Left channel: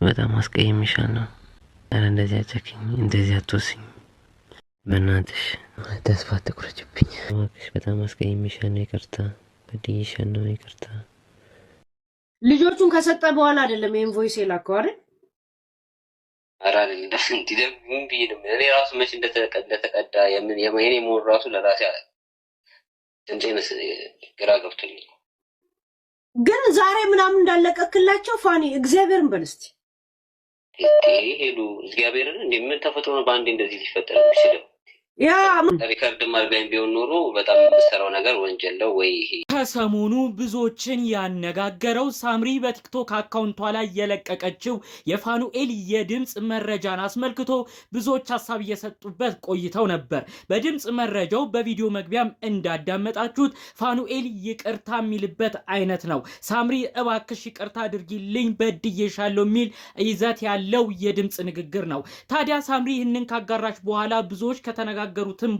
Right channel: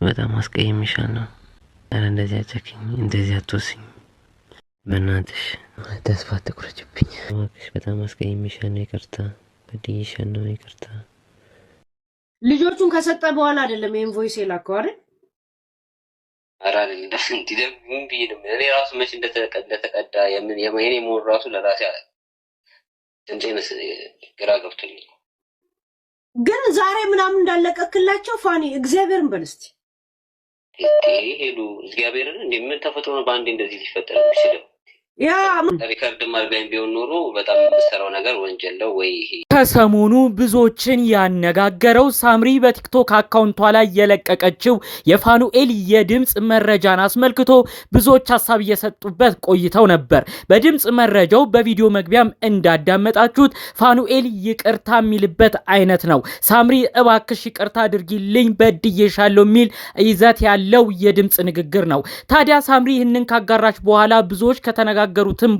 በጣም አስቀይሜሻለሁ። ኧረ እንደዚህ አጨክኝ፣ እንደዚህ አትወስኝ። በእናትሽ ተስፋ አትቁረጭብኝ እባክሽ። በጣም አስቀይሜሻለሁ፣ ይቅርታ። በድዬሻለሁ፣ ይቅርታ። ልጆቹን ከሰጠ በኋላ አይደለም ይሄን ቮይስ የላከው አይደል? ኧረ አይደለም እንዴ ምን ቢልም እኔ ራሱ መች እንደተቀዳ የኔ ሞር ራሱ ለራሴ አለ እንዴ ግራ ገብቶኝ። ግን ዛሬ ምናምን እንዳለቀክላቸው ፋኒ እግዚአብሔርን በል እስቲ ሄዱ እግዚአብሔርን እንዴ ምን ተፈጥሮ ነው በአንዴ እንደዚህ ሊፈጠር የሚችለው? ያ ሪከርድ ማርጋኝ ቢሆን ኖሮ በጣም የምሰራው ነገር ወንጀል ነው ወይ? ከሰሞኑ ብዙዎችን ያነጋገረው ሳምሪ በቲክቶክ አካውንቷ ላይ የለቀቀችው የፋኑኤል የድምጽ መረጃን አስመልክቶ ብዙዎች ሀሳብ እየሰጡበት ቆይተው ነበር። በድምጽ መረጃው በቪዲዮ መግቢያም እንዳዳመጣችሁት ፋኑኤል ይቅርታ የሚልበት አይነት ነው። ሳምሪ እባክሽ ይቅርታ አድርጊልኝ በድዬሻለሁ የሚል ይዘት ያለው የድምጽ ንግግር ነው። ታዲያ ሳምሪ ይህንን ካጋራች በኋላ ብዙዎች ከተነጋገሩትም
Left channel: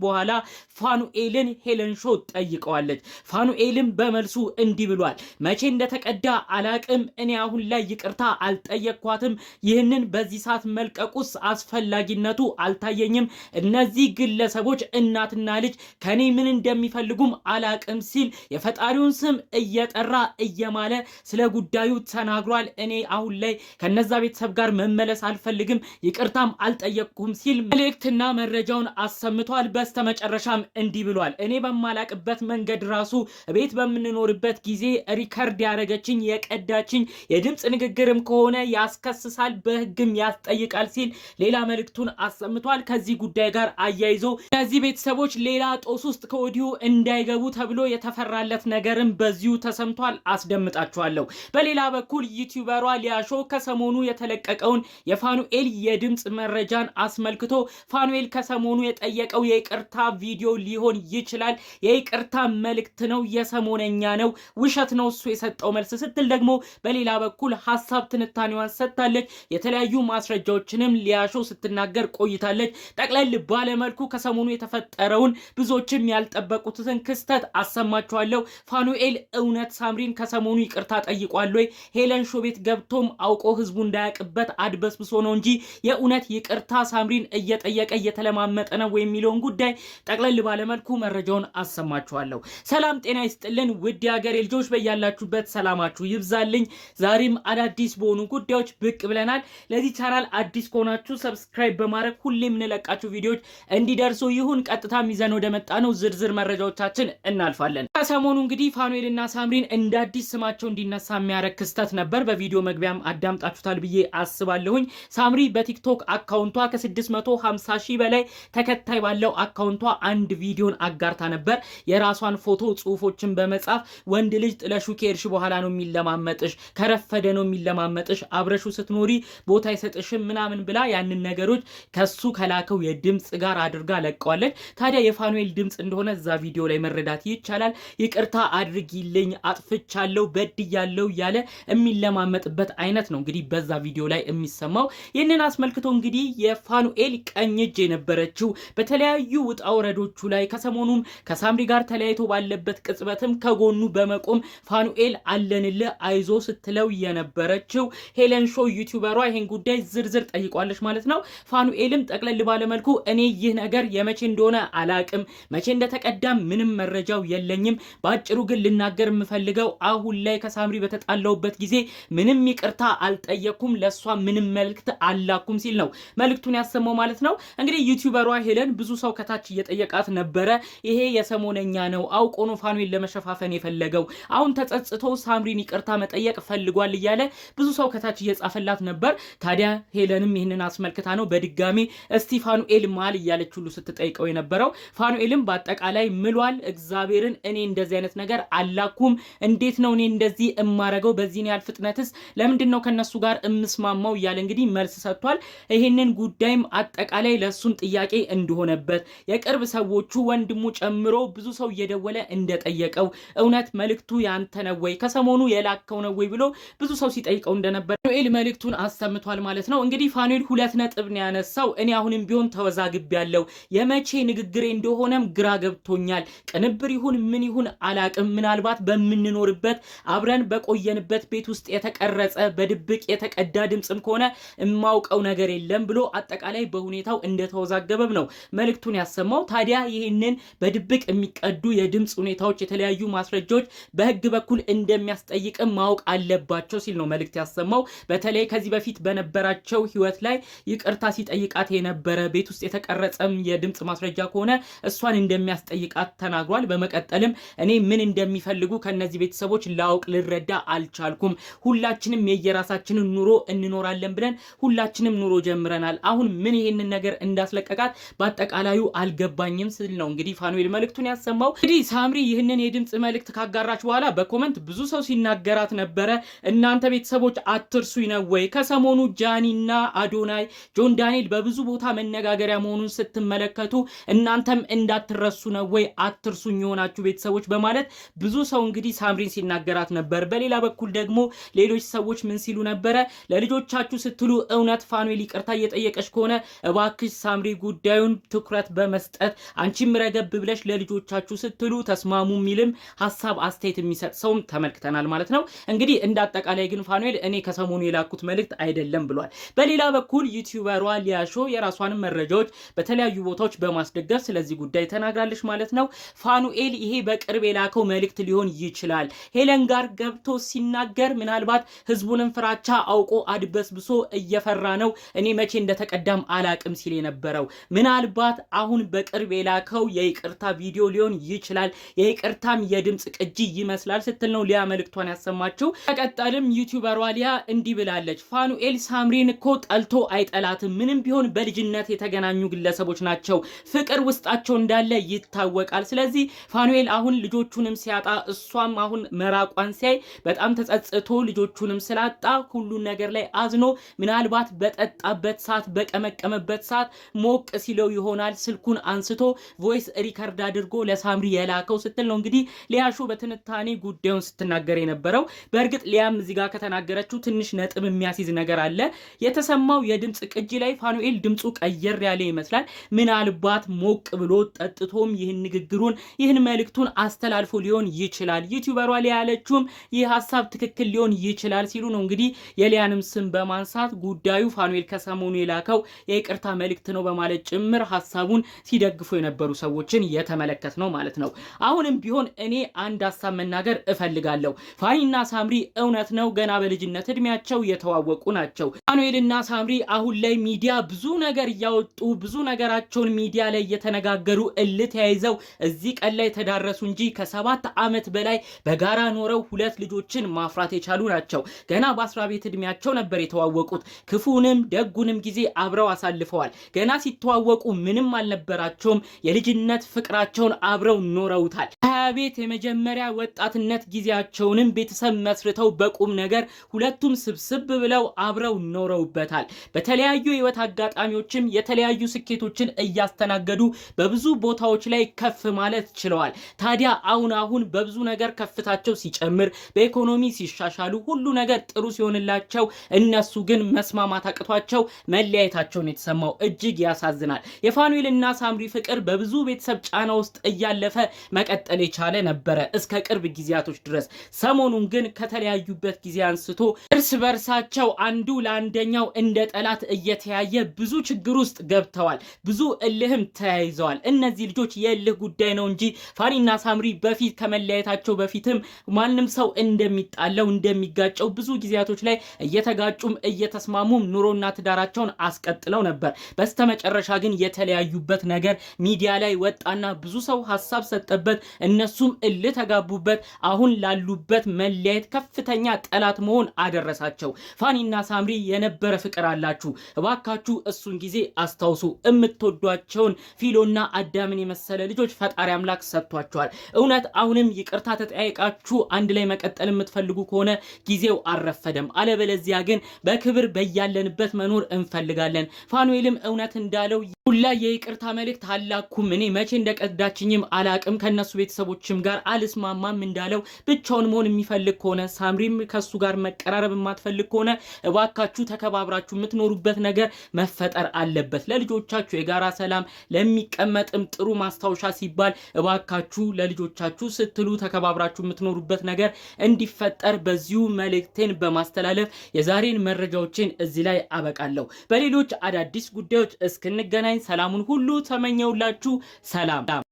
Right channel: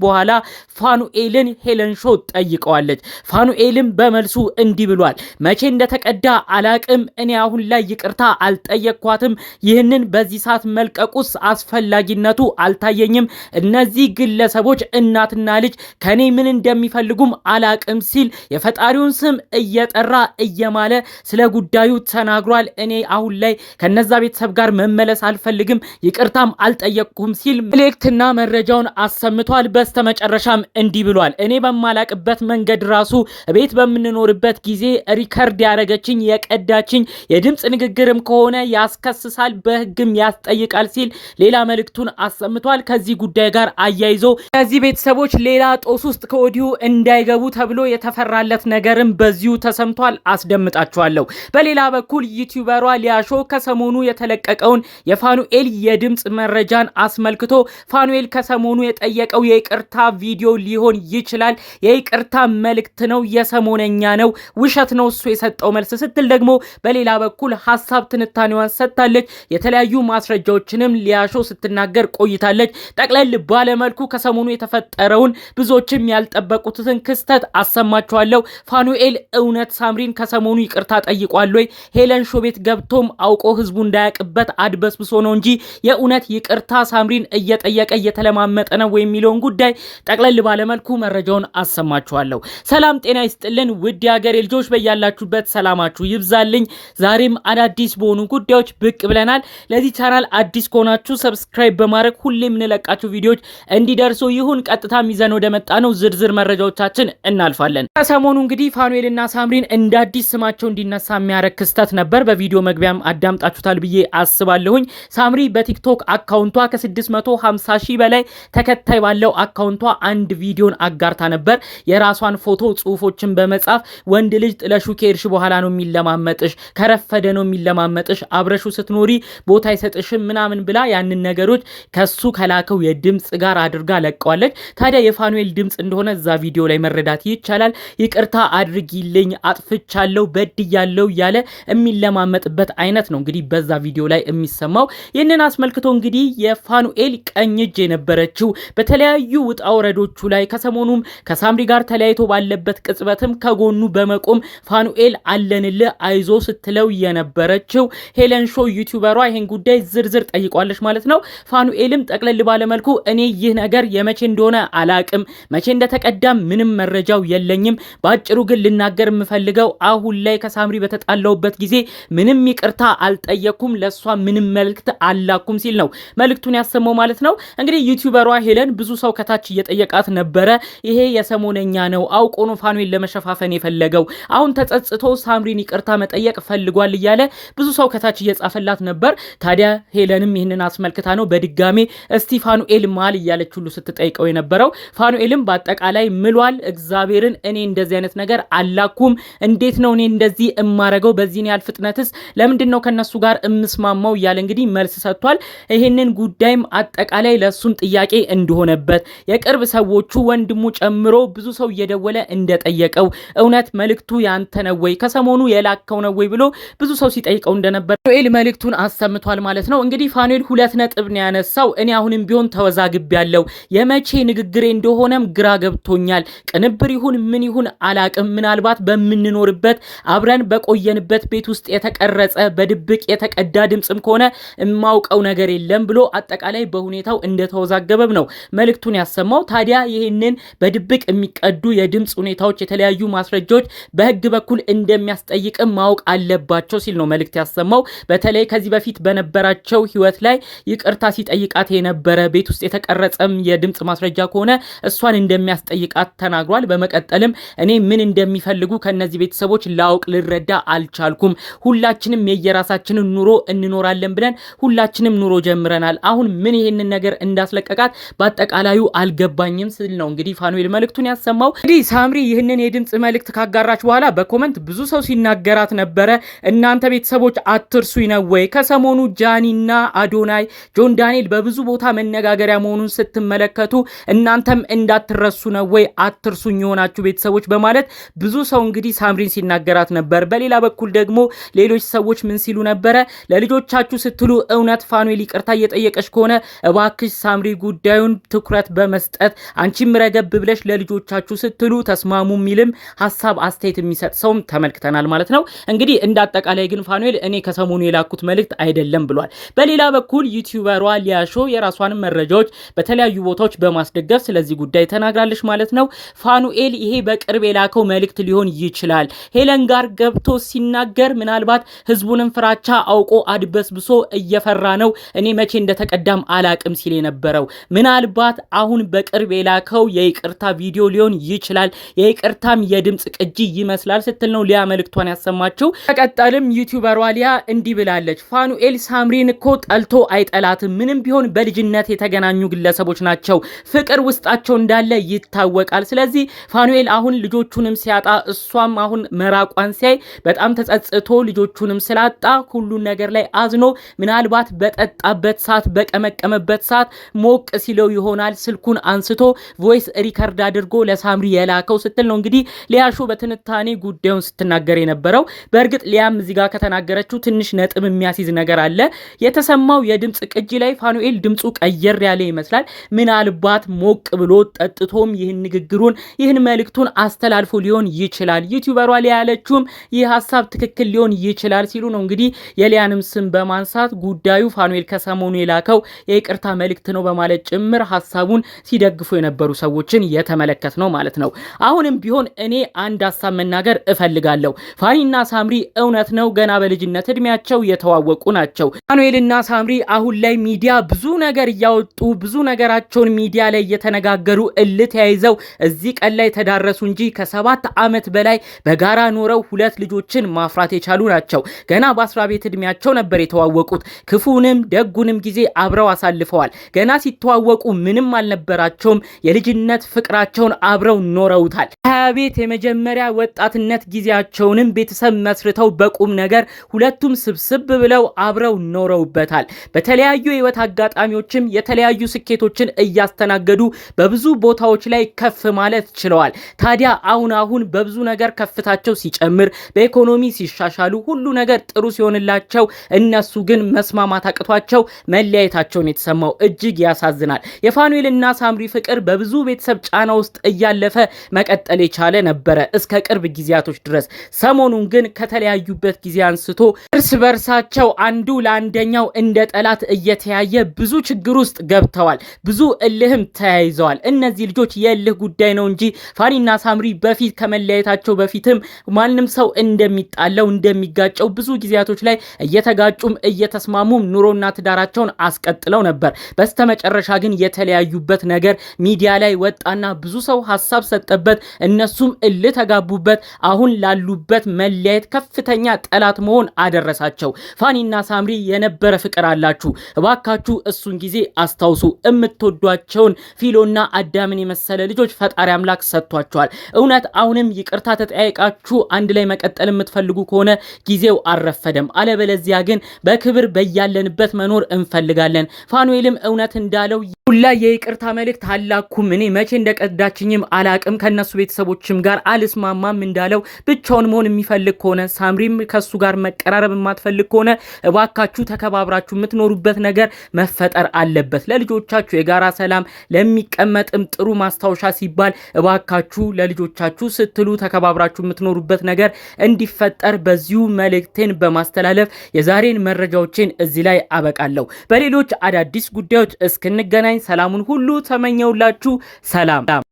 በኋላ ፋኑኤልን ሄለን ሾው ጠይቀዋለች። ፋኑኤልም በመልሱ እንዲህ ብሏል። መቼ እንደተቀዳ አላቅም። እኔ አሁን ላይ ይቅርታ አልጠየቅኳትም። ይህንን በዚህ ሰዓት መልቀቁስ አስፈላጊነቱ አልታየኝም። እነዚህ ግለሰቦች እናትና ልጅ ከኔ ምን እንደሚፈልጉም አላቅም ሲል የፈጣሪውን ስም እየጠራ እየማለ ስለ ጉዳዩ ተናግሯል። እኔ አሁን ላይ ከነዛ ቤተሰብ ጋር መመለስ አልፈልግም፣ ይቅርታም አልጠየቅኩም ሲል መልእክትና መረጃውን አሰምቷል። በስተመጨረሻም እንዲህ ብሏል። እኔ በማላቅበት መንገድ ራሱ ቤት በምንኖርበት ጊዜ ሪከርድ ያረገችኝ የቀዳችኝ የድምጽ ንግግርም ከሆነ ያስከስሳል፣ በህግም ያስጠይቃል ሲል ሌላ መልእክቱን አሰምቷል። ከዚህ ጉዳይ ጋር አያይዞ ከዚህ ቤተሰቦች ሌላ ጦስ ውስጥ ከወዲሁ እንዳይገቡ ተብሎ የተፈራለት ነገርም በዚሁ ተሰምቷል። አስደምጣችኋለሁ። በሌላ በኩል ዩቲዩበሯ ሊያሾ ከሰሞኑ የተለቀቀውን የፋኑኤል የድምጽ መረጃን አስመልክቶ ፋኑኤል ከሰሞኑ የጠየቀው የይቅርታ ቪዲዮ ሊሆን ይችላል፣ የይቅርታ መልእክት ነው፣ የሰሞነኛ ነው፣ ውሸት ነው እሱ የሰጠው መልስ ስትል ደግሞ በሌላ በኩል ሐሳብ ትንታኔዋን ሰጥታለች። የተለያዩ ማስረጃዎችንም ሊያሾ ስትናገር ቆይታለች። ጠቅለል ባለመልኩ ከሰሞኑ የተፈጠረውን ብዙዎችም ያልጠበቁትን ክስተት አሰማችኋለሁ። ፋኑኤል እውነት ሳምሪን ከሰሞኑ ይቅርታ ጠይቋል ወይ? ሄለን ሾው ቤት ገብቶም አውቆ ህዝቡ እንዳያቅበት አድበስብሶ ነው እንጂ የእውነት ይቅርታ ሳምሪን እየጠየቀ እየተለማመጠ ነው የሚለውን ጉዳይ ጠቅለል ባለመልኩ መረጃውን አሰማችኋለሁ። ሰላም ጤና ይስጥልን ውድ የሀገሬ ልጆች፣ በያላችሁበት ሰላማችሁ ይብዛልኝ። ዛሬም አዳዲስ በሆኑ ጉዳዮች ብቅ ብለናል። ለዚህ ቻናል አዲስ ከሆናችሁ ሰብስክራይብ በማድረግ ሁሌም የምንለቃችሁ ቪዲዮዎች እንዲደርሱ ይሁን። ቀጥታ ይዘን ወደ መጣ ነው ዝርዝር መረጃዎቻችን እናልፋለን። ከሰሞኑ እንግዲህ ፋኑኤልና ሳምሪን እንደ አዲስ ስማቸው እንዲነሳ የሚያደርግ ክስተት ነበር። በቪዲዮ መግቢያም አዳምጣችሁታል ብዬ አስባለሁኝ። ሳምሪ በቲክቶክ አካውንቷ ከ650 ሺህ በላይ ተከታይ ባለው አካውንቷ አንድ ቪዲዮን አጋርታ ነበር። የራሷን ፎቶ ጽሁፎችን በመጻፍ ወንድ ልጅ ጥለሹ ከሄድሽ በኋላ ነው የሚለማመጥሽ፣ ከረፈደ ነው የሚለማመጥሽ፣ አብረሹ ስትኖሪ ቦታ አይሰጥሽም ምናምን ብላ ያንን ነገሮች ከሱ ከላከው የድምጽ ጋር አድርጋ ለቀዋለች። ታዲያ የፋኑኤል ድምጽ እንደሆነ እዛ ቪዲዮ ላይ መረዳት ይቻላል። ይቅርታ አድርጊልኝ፣ አጥፍቻለሁ፣ በድያለሁ እያለ የሚለማመጥበት አይነት ነው እንግዲህ በዛ ቪዲዮ ላይ የሚሰማው። ይህንን አስመልክቶ እንግዲህ የፋኑኤል ቀኝ እጅ የነበረችው በተለያዩ ውጣ ወረዶቹ ላይ ከሰሞኑም ከሳምሪ ጋር ተለያይቶ ባለበት ቅጽበትም ከጎኑ በመቆም ፋኑኤል አለንልህ አይዞ ስትለው የነበረችው ሄለን ሾው ዩቲዩበሯ ይሄን ጉዳይ ዝርዝር ጠይቋለች ማለት ነው። ፋኑኤልም ጠቅለል ባለመልኩ እኔ ይህ ነገር የመቼ እንደሆነ አላቅም፣ መቼ እንደተቀዳም ምንም መረጃው የለኝም። በአጭሩ ግን ልናገር የምፈልገው አሁን ላይ ከሳምሪ በተጣላውበት ጊዜ ምንም ይቅርታ አልጠየኩም፣ ለሷ ምንም መልእክት አላኩም ሲል ነው መልእክቱን ያሰማው ማለት ነው። እንግዲህ ዩቲዩበሯ ሄለን ብዙ ሰው ከታች እየጠየቃት ነበረ። ይሄ የሰሞነኛ ነው፣ አውቆ ነው ፋኑኤል ለመሸፋፈን የፈለገው፣ አሁን ተጸጽቶ ሳምሪን ይቅርታ መጠየቅ ፈልጓል እያለ ብዙ ሰው ከታች እየጻፈላት ነበር። ታዲያ ሄለንም ይህንን አስመልክታ ነው በድጋሚ እስቲ ፋኑኤል ማል እያለች ሁሉ ስትጠይቀው የነበረው። ፋኑኤልም በአጠቃላይ ምሏል። እግዚአብሔርን እኔ እንደዚህ አይነት ነገር አላኩም፣ እንዴት ነው እኔ እንደዚህ እማረገው፣ በዚህን ያህል ፍጥነትስ ለምንድን ነው ከነሱ ጋር እምስማማው እያለ እንግዲህ መልስ ሰጥቷል። ይህንን ጉዳይም አጠቃላይ ለሱም ጥያቄ እንደሆነ እንደሆነበት የቅርብ ሰዎቹ ወንድሙ ጨምሮ ብዙ ሰው እየደወለ እንደጠየቀው እውነት መልእክቱ ያንተ ነው ወይ ከሰሞኑ የላከው ነው ወይ ብሎ ብዙ ሰው ሲጠይቀው እንደነበር ፋኑኤል መልእክቱን አሰምቷል ማለት ነው። እንግዲህ ፋኑኤል 2 ነጥብ ነው ያነሳው። እኔ አሁንም ቢሆን ተወዛግብ ያለው የመቼ ንግግሬ እንደሆነም ግራ ገብቶኛል። ቅንብር ይሁን ምን ይሁን አላቅም። ምናልባት በምንኖርበት አብረን በቆየንበት ቤት ውስጥ የተቀረጸ በድብቅ የተቀዳ ድምጽም ከሆነ የማውቀው ነገር የለም ብሎ አጠቃላይ በሁኔታው እንደተወዛገበም ነው መልእክቱን ያሰማው። ታዲያ ይህንን በድብቅ የሚቀዱ የድምጽ ሁኔታዎች የተለያዩ ማስረጃዎች በህግ በኩል እንደሚያስጠይቅም ማወቅ አለባቸው ሲል ነው መልእክት ያሰማው። በተለይ ከዚህ በፊት በነበራቸው ህይወት ላይ ይቅርታ ሲጠይቃት የነበረ ቤት ውስጥ የተቀረጸም የድምጽ ማስረጃ ከሆነ እሷን እንደሚያስጠይቃት ተናግሯል። በመቀጠልም እኔ ምን እንደሚፈልጉ ከነዚህ ቤተሰቦች ላውቅ ልረዳ አልቻልኩም። ሁላችንም የየራሳችንን ኑሮ እንኖራለን ብለን ሁላችንም ኑሮ ጀምረናል። አሁን ምን ይሄንን ነገር እንዳስለቀቃት በአጠቃላዩ አልገባኝም ሲል ነው እንግዲህ ፋኑኤል መልእክቱን ያሰማው። እንግዲህ ሳምሪ ይህንን የድምጽ መልእክት ካጋራች በኋላ በኮመንት ብዙ ሰው ሲናገራት ነበረ። እናንተ ቤተሰቦች አትርሱኝ ነው ወይ? ከሰሞኑ ጃኒና አዶናይ ጆን ዳንኤል በብዙ ቦታ መነጋገሪያ መሆኑን ስትመለከቱ እናንተም እንዳትረሱ ነው ወይ? አትርሱኝ የሆናችሁ ቤተሰቦች በማለት ብዙ ሰው እንግዲህ ሳምሪን ሲናገራት ነበር። በሌላ በኩል ደግሞ ሌሎች ሰዎች ምን ሲሉ ነበረ? ለልጆቻችሁ ስትሉ እውነት ፋኑኤል ይቅርታ እየጠየቀች ከሆነ እባክሽ ሳምሪ ጉዳዩን ትኩረት በመስጠት አንቺም ረገብ ብለሽ ለልጆቻችሁ ስትሉ ተስማሙ የሚልም ሐሳብ አስተያየት የሚሰጥ ሰውም ተመልክተናል ማለት ነው። እንግዲህ እንዳጠቃላይ ግን ፋኑኤል እኔ ከሰሞኑ የላኩት መልእክት አይደለም ብሏል። በሌላ በኩል ዩቲዩበሯ ሊያሾ የራሷንም መረጃዎች በተለያዩ ቦታዎች በማስደገፍ ስለዚህ ጉዳይ ተናግራለች ማለት ነው። ፋኑኤል ይሄ በቅርብ የላከው መልእክት ሊሆን ይችላል። ሄለን ጋር ገብቶ ሲናገር ምናልባት ህዝቡንም ፍራቻ አውቆ አድበስብሶ እየፈራ ነው እኔ መቼ እንደተቀዳም አላቅም ሲል የነበረው ምናልባት አሁን በቅርብ የላከው የይቅርታ ቪዲዮ ሊሆን ይችላል። የይቅርታም የድምጽ ቅጂ ይመስላል ስትል ነው ሊያ መልእክቷን ያሰማችው። ተቀጣልም ዩቲዩበሯ ሊያ እንዲህ ብላለች። ፋኑኤል ሳምሪን እኮ ጠልቶ አይጠላትም። ምንም ቢሆን በልጅነት የተገናኙ ግለሰቦች ናቸው። ፍቅር ውስጣቸው እንዳለ ይታወቃል። ስለዚህ ፋኑኤል አሁን ልጆቹንም ሲያጣ እሷም አሁን መራቋን ሲያይ በጣም ተጸጽቶ ልጆቹንም ስላጣ ሁሉን ነገር ላይ አዝኖ ምናልባት በጠጣበት ሰዓት በቀመቀመበት ሰዓት ሞቅ ሲለው ይሆናል ስልኩን አንስቶ ቮይስ ሪከርድ አድርጎ ለሳምሪ የላከው ስትል ነው እንግዲህ ሊያሾ በትንታኔ ጉዳዩን ስትናገር የነበረው። በእርግጥ ሊያም እዚህ ጋር ከተናገረችው ትንሽ ነጥብ የሚያስይዝ ነገር አለ። የተሰማው የድምጽ ቅጂ ላይ ፋኑኤል ድምጹ ቀየር ያለ ይመስላል። ምናልባት ሞቅ ብሎ ጠጥቶም ይህን ንግግሩን ይህን መልእክቱን አስተላልፎ ሊሆን ይችላል። ዩቲዩበሯ ሊያ ያለችውም ይህ ሐሳብ ትክክል ሊሆን ይችላል ሲሉ ነው እንግዲህ የሊያንም ስም በማንሳት ጉዳዩ ፋኑኤል ከሰሞኑ የላከው የይቅርታ መልእክት ነው በማለት ጭምር ሐሳቡን ሲደግፉ የነበሩ ሰዎችን የተመለከት ነው ማለት ነው። አሁንም ቢሆን እኔ አንድ ሐሳብ መናገር እፈልጋለሁ። ፋኒና ሳምሪ እውነት ነው ገና በልጅነት እድሜያቸው የተዋወቁ ናቸው። ፋኑኤልና ሳምሪ አሁን ላይ ሚዲያ ብዙ ነገር እያወጡ ብዙ ነገራቸውን ሚዲያ ላይ እየተነጋገሩ እልህ ተያይዘው እዚህ ቀን ላይ ተዳረሱ እንጂ ከ7 ዓመት በላይ በጋራ ኖረው 2 ልጆችን ማፍራት የቻሉ ናቸው። ገና በ10 ቤት እድሜያቸው ነበር የተዋወቁት። ክፉንም ደጉንም ጊዜ አብረው አሳልፈዋል። ገና ሲተዋወቁ ምንም አልነበራቸውም። የልጅነት ፍቅራቸውን አብረው ኖረውታል። 20 ቤት የመጀመሪያ ወጣትነት ጊዜያቸውንም ቤተሰብ መስርተው በቁም ነገር ሁለቱም ስብስብ ብለው አብረው ኖረውበታል። በተለያዩ የህይወት አጋጣሚዎችም የተለያዩ ስኬቶችን እያስተናገዱ በብዙ ቦታዎች ላይ ከፍ ማለት ችለዋል። ታዲያ አሁን በብዙ ነገር ከፍታቸው ሲጨምር በኢኮኖሚ ሲሻሻሉ ሁሉ ነገር ጥሩ ሲሆንላቸው እነሱ ግን መስማማት አቅቷቸው መለያየታቸውን የተሰማው እጅግ ያሳዝናል። የፋኑኤልና ሳምሪ ፍቅር በብዙ ቤተሰብ ጫና ውስጥ እያለፈ መቀጠል የቻለ ነበረ እስከ ቅርብ ጊዜያቶች ድረስ። ሰሞኑን ግን ከተለያዩበት ጊዜ አንስቶ እርስ በርሳቸው አንዱ ለአንደኛው እንደ ጠላት እየተያየ ብዙ ችግር ውስጥ ገብተዋል። ብዙ እልህም ተያይዘዋል። እነዚህ ልጆች የእልህ ጉዳይ ነው እንጂ ፋኒና ሳምሪ በፊት ከመለያየታቸው በፊትም ማንም ሰው እንደሚጣለው እንደሚጋጨው ብዙ ጊዜያቶች ላይ እየተጋጩም እየተስማሙም ኑሮና ትዳራቸውን አስቀጥለው ነበር። በስተመጨረሻ ግን የተለያዩበት ነገር ሚዲያ ላይ ወጣና ብዙ ሰው ሐሳብ ሰጠበት። እነሱም እልህ ተጋቡበት። አሁን ላሉበት መለያየት ከፍተኛ ጠላት መሆን አደረሳቸው። ፋኒና ሳምሪ የነበረ ፍቅር አላችሁ። እባካችሁ እሱን ጊዜ አስታውሱ። የምትወዷቸውን ፊሎና አዳምን የመሰለ ልጆች ፈጣሪ አምላክ ሰጥቷቸዋል። እውነት አሁንም ይቅርታ ተጠያይቃችሁ አንድ ላይ መቀጠል የምትፈልጉ ከሆነ ጊዜው አልረፈደም። አለበለዚያ ግን በክብር በያለንበት መኖር እንፈልጋለን። ፋኑኤልም እውነት እንዳለው ሁላ ላይ የይቅርታ መልእክት አላኩም። እኔ መቼ እንደቀዳችኝም አላቅም። ከነሱ ቤተሰቦችም ጋር አልስማማም እንዳለው ብቻውን መሆን የሚፈልግ ከሆነ ሳምሪም ከሱ ጋር መቀራረብ የማትፈልግ ከሆነ እባካችሁ ተከባብራችሁ የምትኖሩበት ነገር መፈጠር አለበት። ለልጆቻችሁ የጋራ ሰላም ለሚቀመጥም ጥሩ ማስታወሻ ሲባል እባካችሁ ለልጆቻችሁ ስትሉ ተከባብራችሁ የምትኖሩበት ነገር እንዲፈጠር በዚሁ መልእክቴን በማስተላለፍ የዛሬን መረጃዎችን እዚህ ላይ አበቃለሁ። በሌሎች አዳዲስ ጉዳዮች እስክንገናኝ ሰላሙን ሁሉ ተመኘውላችሁ። ሰላም።